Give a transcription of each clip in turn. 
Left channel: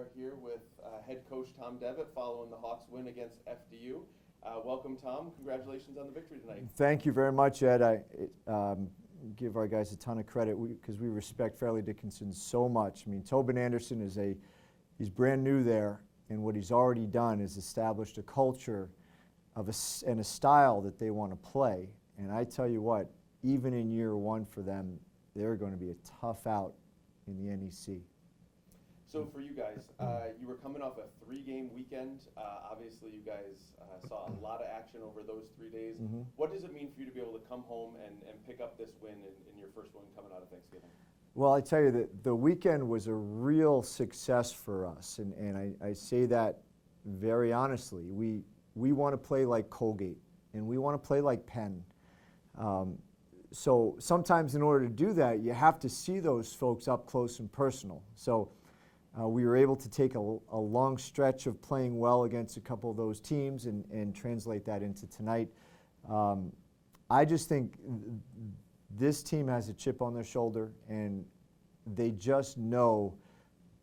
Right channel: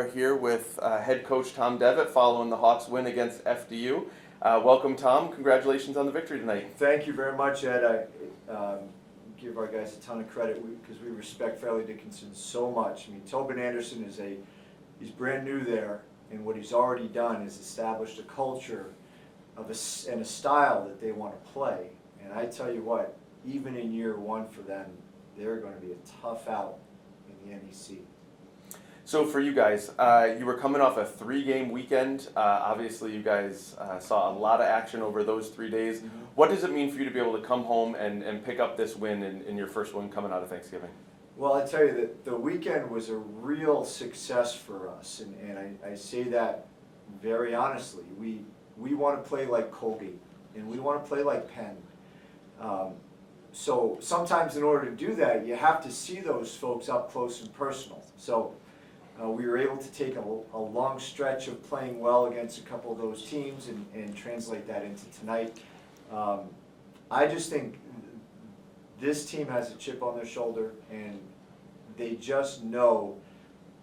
are here with head coach Tom Devitt following the Hawks win against FDU. Welcome, Tom. Congratulations on the victory tonight. Thank you very much, Ed. I give our guys a ton of credit because we respect Fairleigh Dickinson so much. I mean, Tobin Anderson he's brand new there, and what he's already done is established a culture and a style that they want to play. And I tell you what, even in year one for them, they're going to be a tough out in the NEC. So for you guys, you were coming off a 3-game weekend. Obviously, you guys saw a lot of action over those 3 days. Mm-hmm. What does it mean for you to be able to come home and pick up this win in your first one coming out of Thanksgiving? Well, I tell you that the weekend was a real success for us, and I say that very honestly. We want to play like Colgate, and we want to play like Penn. So sometimes in order to do that, you have to see those folks up close and personal. So we were able to take a long stretch of playing well against a couple of those teams and translate that into tonight. I just think this team has a chip on their shoulder, and they just know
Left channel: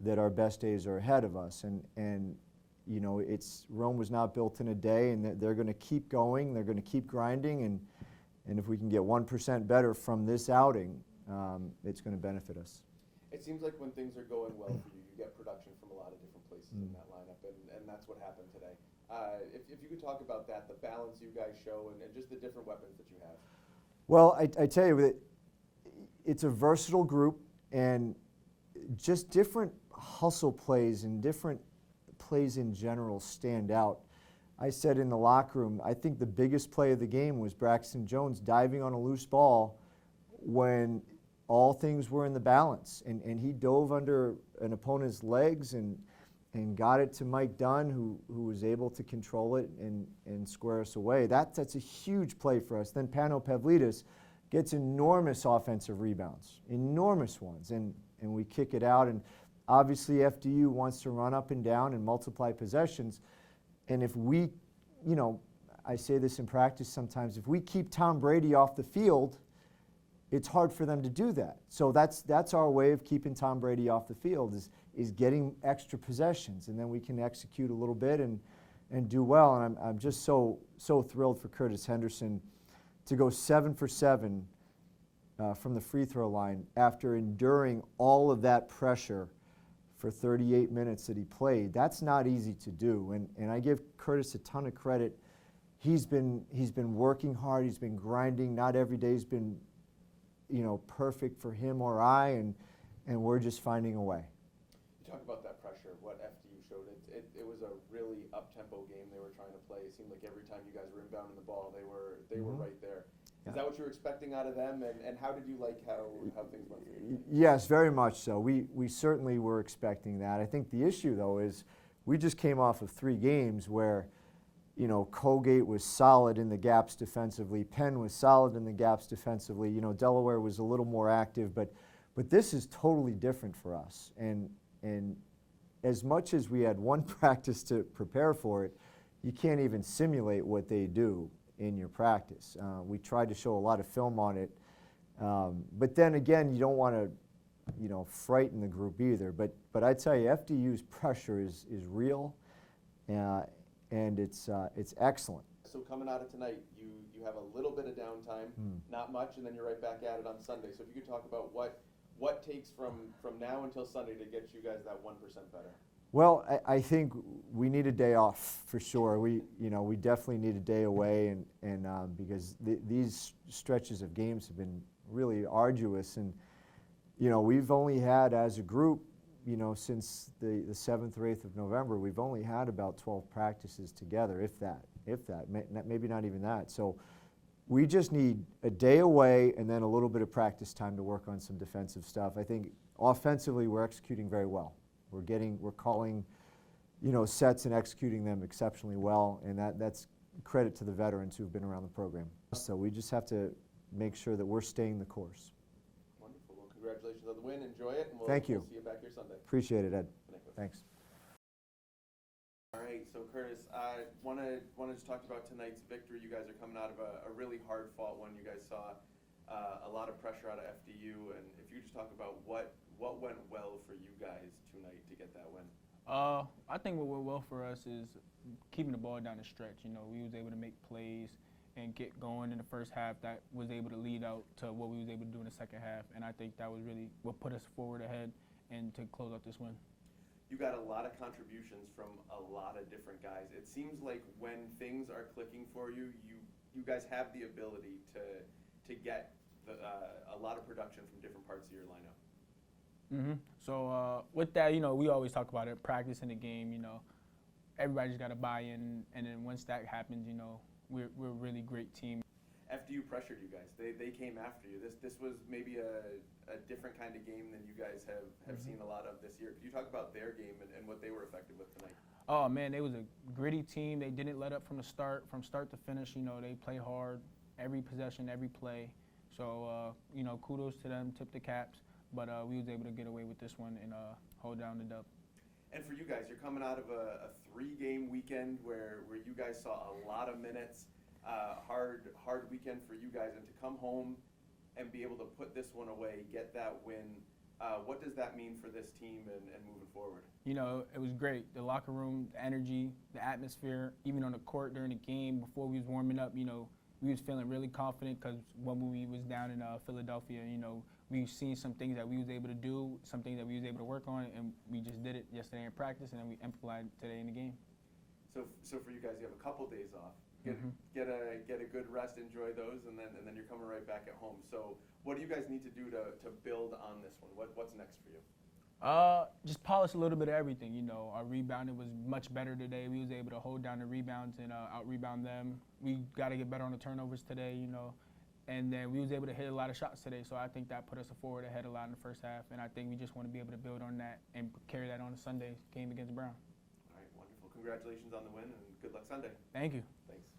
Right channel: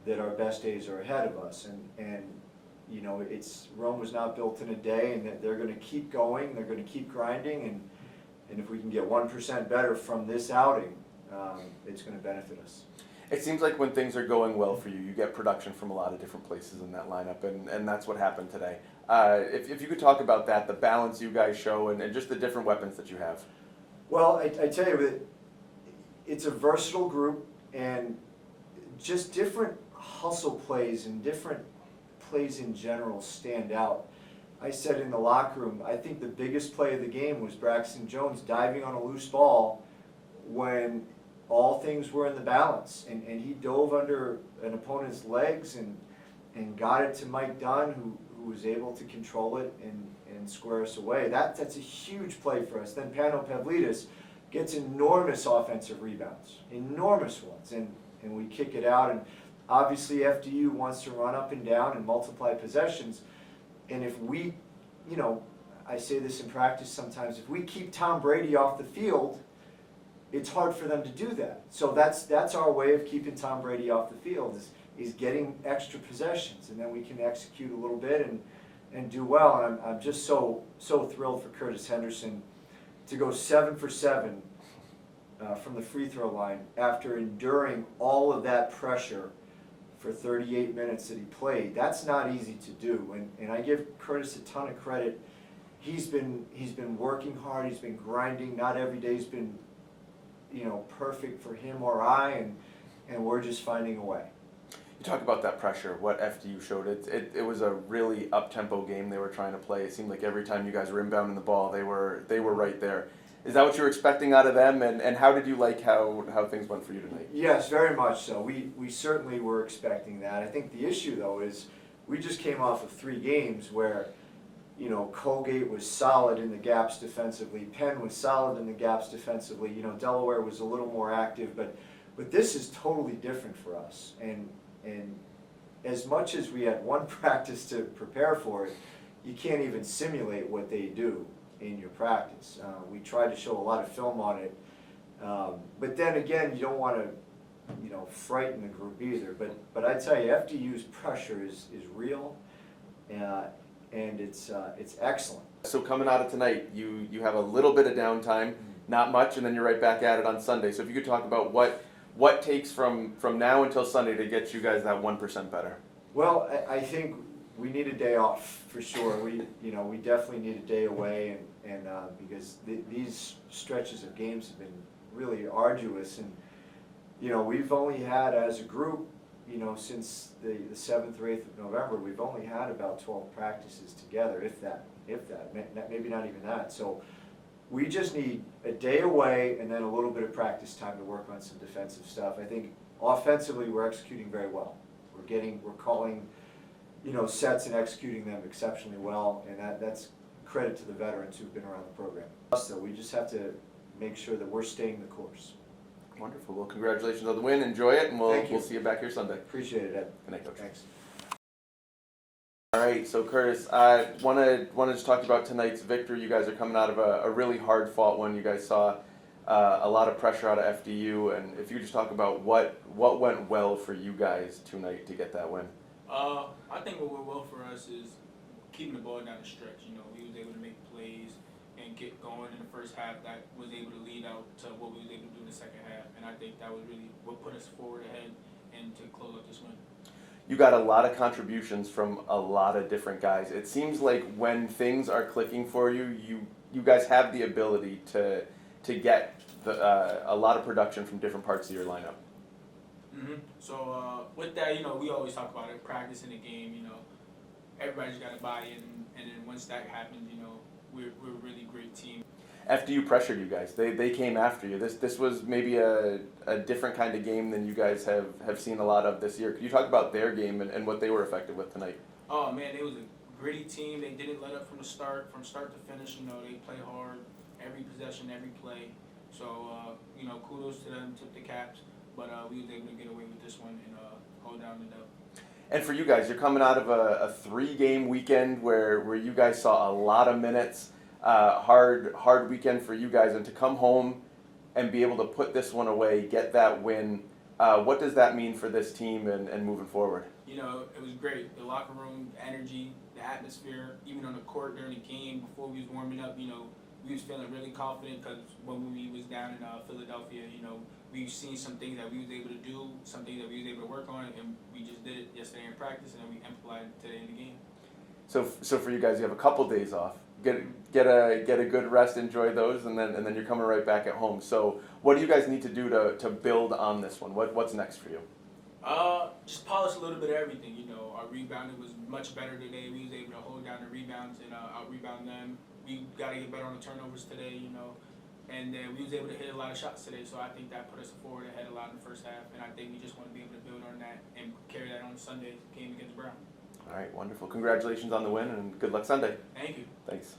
that our best days are ahead of us. And you know, Rome was not built in a day, and that they're going to keep going. They're going to keep grinding, and if we can get 1% better from this outing, it's going to benefit us. It seems like when things are going well for you, you get production from a lot of different places in that lineup, and that's what happened today. If you could talk about that, the balance you guys show, and just the different weapons that you have. Well, I tell you that it's a versatile group, and just different hustle plays and different plays in general stand out. I said in the locker room, I think the biggest play of the game was Braxton Jones diving on a loose ball when all things were in the balance, and he dove under an opponent's legs and got it to Mike Dunn, who was able to control it and square us away. That's a huge play for us. Then Pano Pavlidis gets enormous offensive rebounds, enormous ones, and we kick it out. And obviously FDU wants to run up and down and multiply possessions. And if we, you know, I say this in practice sometimes, if we keep Tom Brady off the field, it's hard for them to do that. So that's our way of keeping Tom Brady off the field is getting extra possessions, and then we can execute a little bit and do well. And I'm just so thrilled for Kurtis Henderson to go 7 for 7 from the free throw line after enduring all of that pressure for 38 minutes that he played. That's not easy to do, and I give Kurtis a ton of credit. He's been working hard. He's been grinding. Not every day's been, you know, perfect for him or I, and we're just finding a way. You talk about that pressure, what FDU showed. It was a really up-tempo game they were trying to play. It seemed like every time you guys were inbounding the ball, they were right there. Is that what you were expecting out of them, and how did you like how things went for you tonight? Yes, very much so. We certainly were expecting that. I think the issue, though, is we just came off of 3 games where, you know, Colgate was solid in the gaps defensively. Penn was solid in the gaps defensively. You know, Delaware was a little more active, but this is totally different for us. And as much as we had one practice to prepare for it, you can't even simulate what they do in your practice. We tried to show a lot of film on it, but then again, you don't want to, you know, frighten the group either. But I tell you, FDU's pressure is real. And it's excellent. So coming out of tonight, you have a little bit of downtime, not much, and then you're right back at it on Sunday. So if you could talk about what takes from now until Sunday to get you guys that 1% better. Well, I think we need a day off for sure. We definitely need a day away, and because these stretches of games have been really arduous, and you know, we've only had as a group, you know, since the 7th or 8th of November, we've only had about 12 practices together, if that, maybe not even that. So we just need a day away and then a little bit of practice time to work on some defensive stuff. I think offensively we're executing very well. We're calling, you know, sets and executing them exceptionally well, and that's credit to the veterans who've been around the program. So we just have to make sure that we're staying the course. Wonderful. Well, congratulations on the win. Enjoy it, and we'll see you back here Sunday. Appreciate it, Ed. Good night, Coach. Thanks. All right, so Kurtis, I want to just talk about tonight's victory. You guys are coming out of a really hard-fought one. You guys saw a lot of pressure out of FDU, and if you could just talk about what went well for you guys tonight to get that win. I think what went well for us is keeping the ball down the stretch. You know, we was able to make plays and get going in the first half that was able to lead out to what we was able to do in the second half. And I think that was really what put us forward ahead and to close out this win. You got a lot of contributions from a lot of different guys. It seems like when things are clicking for you, you guys have the ability to get a lot of production from different parts of your lineup. So with that, you know, we always talk about it, practice in the game. You know, everybody's got to buy in, and then once that happens, you know, we're a really great team. FDU pressured you guys. They came after you. This was maybe a different kind of game than you guys have seen a lot of this year. Could you talk about their game and what they were effective with tonight? Oh man, it was a gritty team. They didn't let up from start to finish. You know, they play hard every possession, every play. So you know, kudos to them. Tip the caps. But we was able to get away with this one and hold down the dub. And for you guys, you're coming out of a 3-game weekend where you guys saw a lot of minutes. Hard weekend for you guys, and to come home and be able to put this one away, get that win. What does that mean for this team and moving forward? You know, it was great. The locker room, the energy, the atmosphere, even on the court during the game, before we was warming up, you know, we was feeling really confident because when we was down in Philadelphia, you know, we've seen some things that we was able to do, some things that we was able to work on, and we just did it yesterday in practice, and then we implemented it today in the game. So for you guys, you have a couple days off. Get a good rest, enjoy those, and then you're coming right back at home. So what do you guys need to do to build on this one? What's next for you? Just polish a little bit of everything. You know, our rebounding was much better today. We was able to hold down the rebounds and out-rebound them. We got to get better on the turnovers today, you know. And then we was able to hit a lot of shots today, so I think that put us forward ahead a lot in the first half. And I think we just want to be able to build on that and carry that on Sunday game against Brown. All right, wonderful. Congratulations on the win, and good luck Sunday. Thank you. Thanks.